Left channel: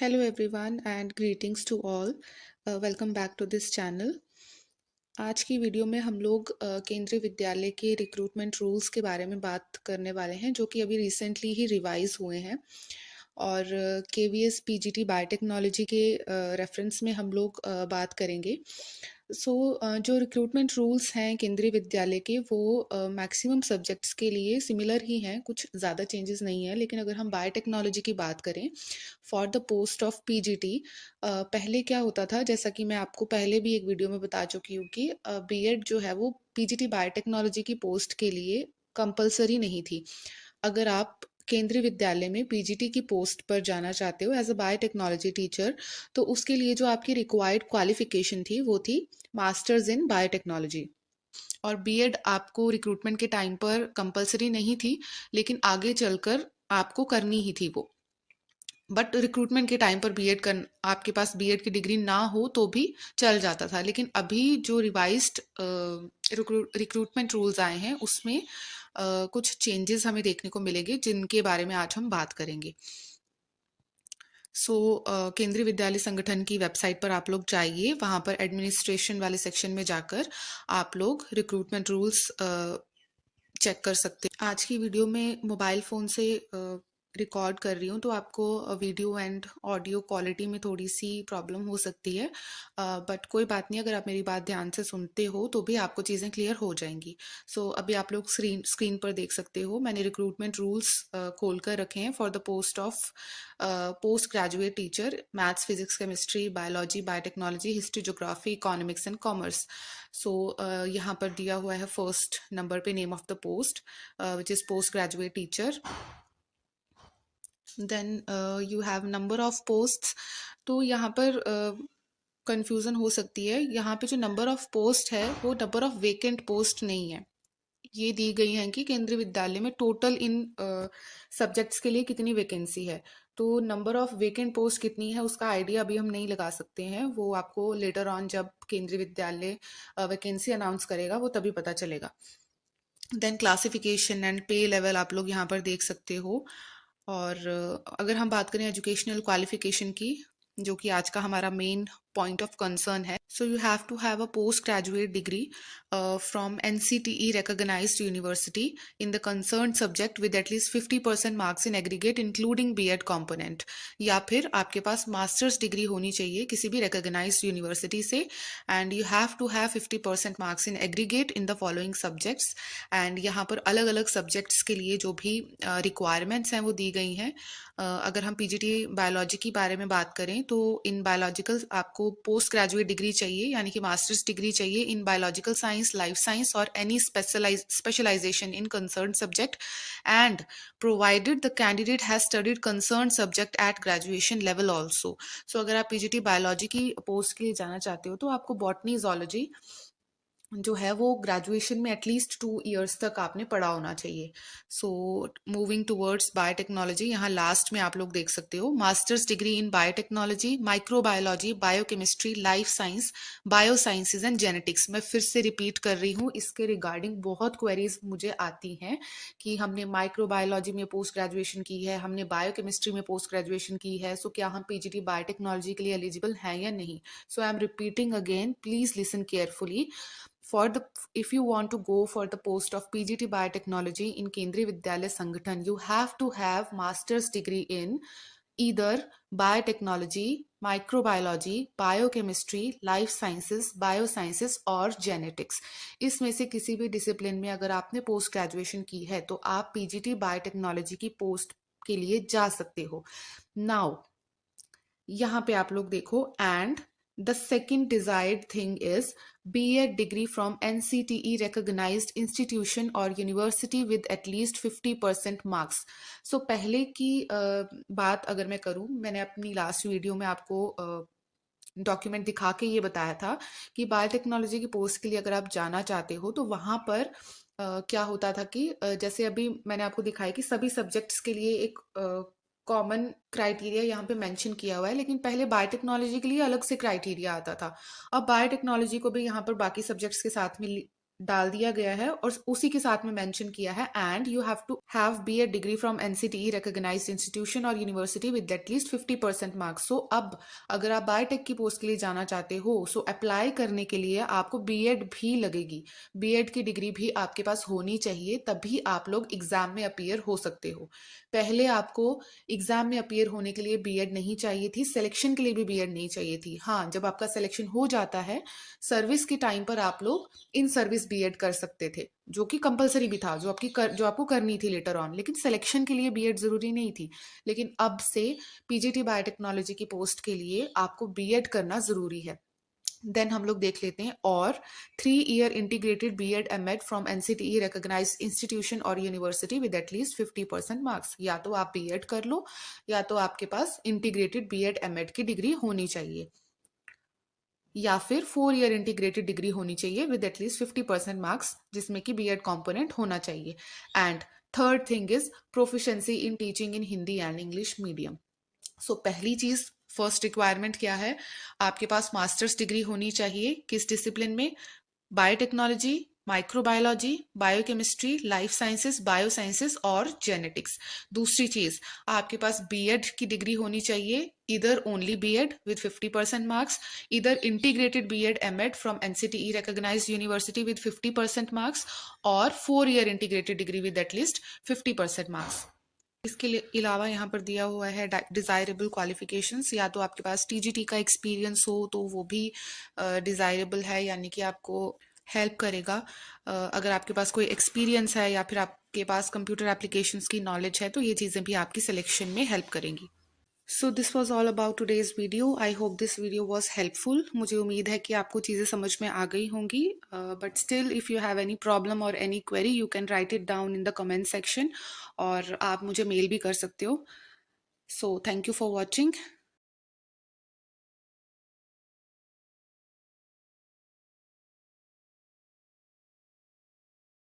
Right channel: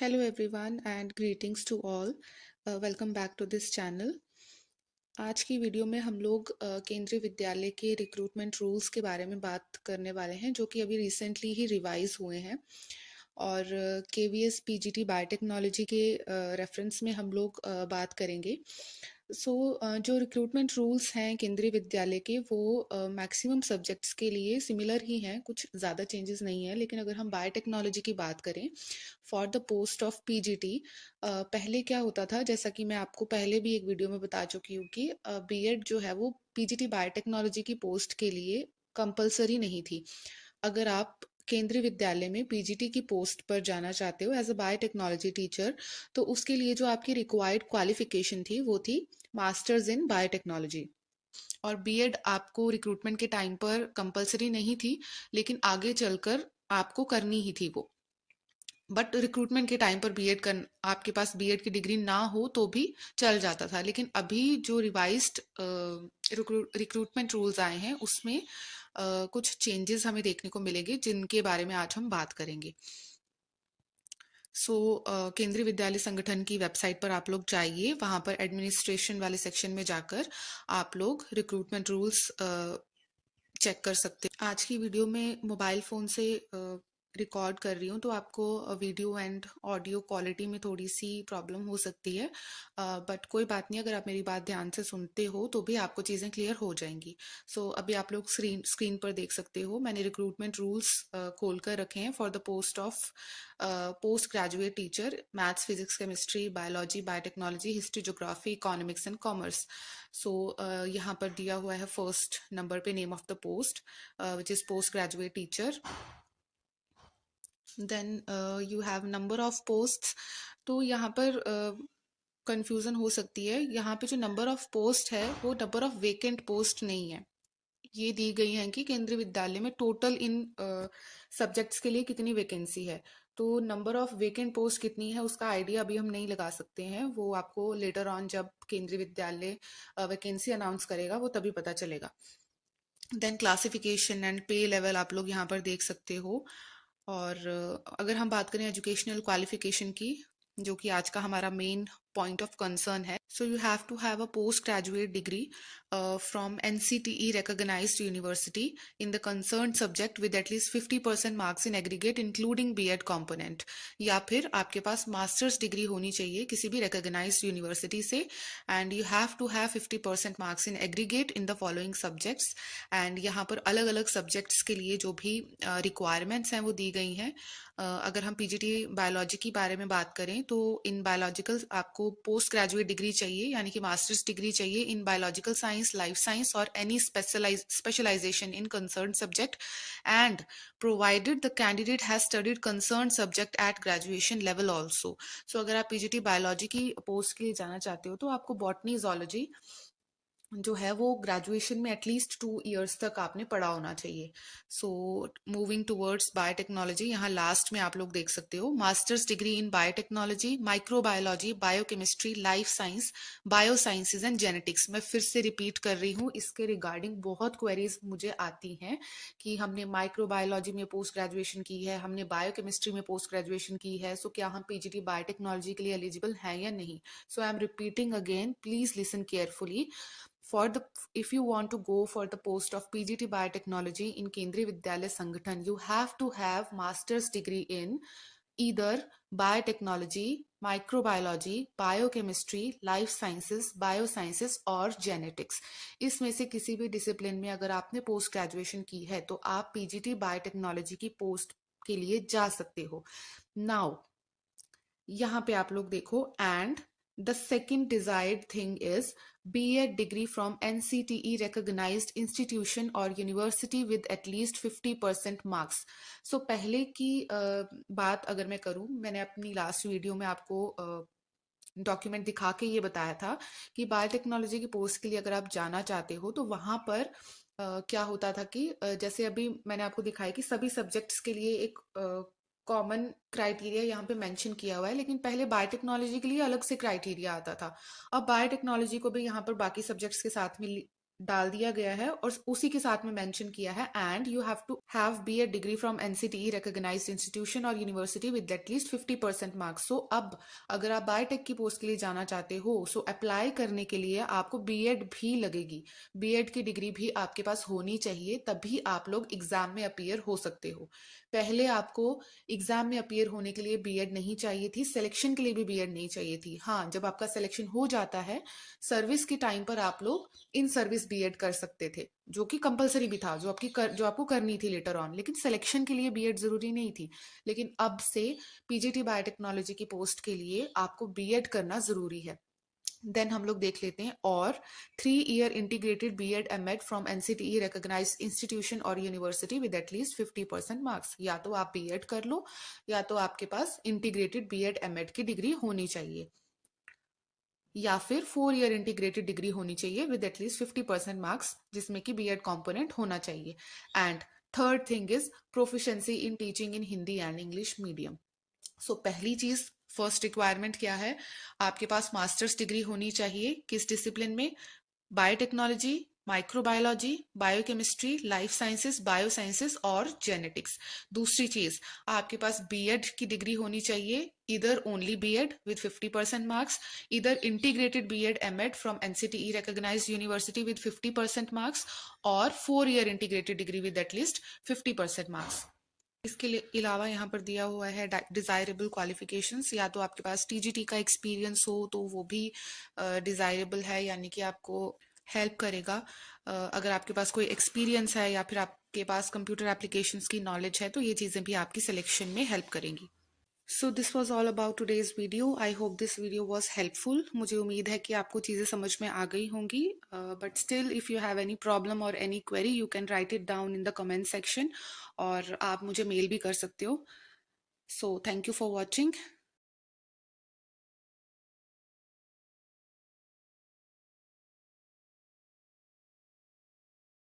Hello everyone and greetings to all. Welcome back to this channel. आज की video में हम लोग केंद्रीय विद्यालय के रिक्रूटमेंट रूल्स के बारे में बात करने वाले हैं जो कि अभी रिसेंटली ही रिवाइज हुए हैं और केवीएस पीजीटी बायोटेक्नोलॉजी के रेफरेंस में हम लोग बात करेंगे। जो रिक्रूटमेंट रूल्स हैं केंद्रीय विद्यालय के वो मैक्सिमम सब्जेक्ट्स के लिए सिमिलर ही हैं, कुछ ज़्यादा चेंजेस नहीं है। लेकिन अगर हम बायोटेक्नोलॉजी की बात करें for the post of PGT, पहले क्या होता था, जैसा कि मैं आपको पहले भी एक वीडियो में बता चुकी हूँ कि बीएड जो है वो पीजीटी बायोटेक्नोलॉजी की पोस्ट के लिए कंपलसरी नहीं थी। अगर आप केंद्रीय विद्यालय में पीजीटी की पोस्ट पर जाना चाहते हो एज अ बायोटेक्नोलॉजी टीचर, तो उसके लिए जो आपकी रिक्वायर्ड क्वालिफिकेशन थी वो थी मास्टर्स इन बायोटेक्नोलॉजी। और बीएड आपको रिक्रूटमेंट के टाइम पर कंपलसरी नहीं थी, लेकिन आगे चलकर आपको करनी ही थी वो। बट रिक्रूटमेंट के टाइम पर बीएड कर आपके पास बीएड की डिग्री ना हो तो भी चल जाता था। लेकिन अभी जो रिवाइज्ड रिक्रूटमेंट रूल्स आए हैं उसमें कुछ चेंजेस हमें देखने को मिलेंगे जिनके बारे में आज हम बात करेंगे। केंद्रीय विद्यालय संगठन की वेबसाइट पर आप लोग जाइए, वहाँ पर एडमिनिस्ट्रेशन वाले सेक्शन में जाकर आप लोग रिक्रूटमेंट रूल्स चेक कर सकते हैं। आज की वीडियो में मोबाइल फ़ोन से रिकॉर्ड कर रही हूँ तो आपको वीडियो एंड ऑडियो क्वालिटी में थोड़ी सी प्रॉब्लम हो सकती है, बट कोई बात नहीं, अगर आप मेरी बात ध्यान से सुनते हो तो भी आपको चीज़ें क्लियर हो जाएंगी। अभी आप लोग स्क्रीन पर देख सकते हो, मैंने रिक्रूटमेंट रूल्स खोल कर रखे हैं for the post of post graduate teacher, maths, physics, chemistry, biology, biotechnology, history, geography, economics and commerce. यहाँ पर दिया हुआ है फर्स्ट नंबर पे name of the post which is post graduate teacher. Then you have number of posts. तो यहाँ पर confusion हो सकती है, यहाँ पे जो नंबर ऑफ पोस्ट है वो नंबर ऑफ वेकेंट पोस्ट नहीं है। ये दी गई है कि केंद्रीय विद्यालय में टोटल इन सब्जेक्ट्स के लिए कितनी वैकेंसी है। तो नंबर ऑफ वेकेंट पोस्ट कितनी है उसका आइडिया अभी हम नहीं लगा सकते हैं, वो आपको लेटर ऑन जब केंद्रीय विद्यालय वैकेंसी अनाउंस करेगा वो तभी पता चलेगा। देन क्लासिफिकेशन एंड पे लेवल आप लोग यहाँ पर देख सकते हो। और अगर हम बात करें एजुकेशनल क्वालिफिकेशन की, जो कि आज का हमारा मेन पॉइंट ऑफ कंसर्न है, so you have to have a post graduate degree from NCTE recognized university in the concern subject with at least 50% marks in aggregate including BEd component. या फिर आपके पास मास्टर्स डिग्री होनी चाहिए किसी भी recognized university से, and you have to have 50% marks in aggregate in the following subjects. And यहाँ पर अलग अलग सब्जेक्ट्स के लिए जो भी रिक्वायरमेंट्स हैं वो दी गई हैं। अगर हम पीजीटी बायोलॉजी के बारे में बात करें तो इन बायोलॉजिकल आपको पोस्ट ग्रेजुएट डिग्री चाहिए, यानी कि मास्टर्स डिग्री चाहिए in biological science, life science और any specialization in concern subject, and provided the candidate has studied concern subject at graduation level also. अगर आप पीजीटी बायोलॉजी की post के लिए जाना चाहते हो तो आपको बॉटनी, जूलॉजी जो है वो ग्रेजुएशन में एटलीस्ट 2 इयर्स तक आपने पढ़ा होना चाहिए। मूविंग टूवर्ड्स बायोटेक्नोलॉजी, यहाँ लास्ट में आप लोग देख सकते हो masters degree in biotechnology, microbiology, biochemistry, life science, bio sciences and genetics. मैं फिर से रिपीट कर रही हूँ, इसके रिगार्डिंग बहुत क्वेरीज मुझे आती हैं कि हमने माइक्रोबायोलॉजी में पोस्ट ग्रेजुएशन की है, हमने बायोकेमिस्ट्री में पोस्ट ग्रेजुएशन की है, सो क्या हम पीजीटी बायोटेक्नोलॉजी के लिए एलिजिबल हैं या नहीं। I am repeating again, please listen carefully. If you want to go for the post of PGT Biotechnology in Kendriya Vidyalaya Sangathan, you have to have master's degree in either biotechnology, microbiology, biochemistry, life sciences, biosciences और genetics। इसमें से किसी भी discipline में अगर आपने post graduation की है तो आप पीजीटी बायोटेक्नोलॉजी की पोस्ट के लिए जा सकते हो। नाउ यहाँ पे आप लोग देखो, and the second desired thing is B.Ed degree from NCTE recognized institution or university with at least 50% marks। पहले की बात अगर मैं करूं, मैंने अपनी लास्ट वीडियो में आपको डॉक्यूमेंट दिखा के ये बताया था कि बायोटेक्नोलॉजी की पोस्ट के लिए अगर आप जाना चाहते हो तो वहां पर क्या होता था कि जैसे अभी मैंने आपको दिखाया कि सभी सब्जेक्ट्स के लिए एक कॉमन क्राइटेरिया यहाँ पे मेंशन किया हुआ है, लेकिन पहले बायोटेक्नोलॉजी के लिए अलग से क्राइटेरिया आता था। अब बायोटेक्नोलॉजी को भी यहाँ पर बाकी सब्जेक्ट्स के साथ में डाल दिया गया है और उसी के साथ में मेंशन किया है and you have to have BEd degree from NCTE recognized institution और university with at least 50% marks. So अब अगर आप बायोटेक की पोस्ट के लिए जाना चाहते हो, सो अप्लाई करने के लिए आपको बीएड भी लगेगी, बीएड की डिग्री भी आपके पास होनी चाहिए, तभी आप लोग एग्जाम में अपीयर हो सकते हो। पहले आपको एग्जाम में अपीयर होने के लिए बीएड नहीं चाहिए थी, सिलेक्शन के लिए भी बीएड नहीं चाहिए थी। हाँ, जब आपका सिलेक्शन हो जाता है सर्विस के टाइम पर आप लोग इन सर्विस बीएड कर सकते थे, जो कि कंपलसरी भी था, जो आपको करनी थी लेटर ऑन, लेकिन सिलेक्शन के लिए बीएड जरूरी नहीं थी। लेकिन अब से पीजीटी बायोटेक्नोलॉजी की पोस्ट के लिए आपको बीएड करना जरूरी है। देन हम लोग देख लेते हैं, और 3 year integrated BEd MEd from NCTE recognized institution और यूनिवर्सिटी विद एटलीस्ट 50% मार्क्स। या तो आप बीएड कर लो या तो आपके पास इंटीग्रेटेड बीएड एमएड की डिग्री होनी चाहिए, या फिर 4 ईयर इंटीग्रेटेड डिग्री होनी चाहिए विद एटलीस्ट 50% मार्क्स, जिसमें कि बीएड कंपोनेंट होना चाहिए। And third thing is proficiency in teaching in Hindi and English medium. So पहली चीज, फर्स्ट रिक्वायरमेंट क्या है, आपके पास मास्टर्स डिग्री होनी चाहिए। किस डिसिप्लिन में? Biotechnology, microbiology, biochemistry, life sciences, biosciences और जेनेटिक्स। दूसरी चीज, आपके पास बीएड की डिग्री होनी चाहिए, इधर ओनली बीएड विद 50% मार्क्स, इधर integrated BEd MEd from NCTE recognized university with 50% marks, और 4 year integrated degree with at least 50% marks. इसके अलावा यहाँ पर दिया हुआ है डिजायरेबल क्वालिफिकेशंस। या तो आपके पास टीजीटी का एक्सपीरियंस हो तो वो भी डिजायरेबल है, यानी कि आपको हेल्प करेगा। अगर आपके पास कोई एक्सपीरियंस है या फिर आपके पास कंप्यूटर एप्लीकेशंस की नॉलेज है तो ये चीज़ें भी आपकी सिलेक्शन में हेल्प करेंगी। So this was all about today's video. I hope this video was helpful. मुझे उम्मीद है कि आपको चीज़ें समझ में आ गई होंगी, but still if you have any problem or any query you can write it down in the comment section, और आप मुझे मेल भी कर सकते हो। So thank you for watching.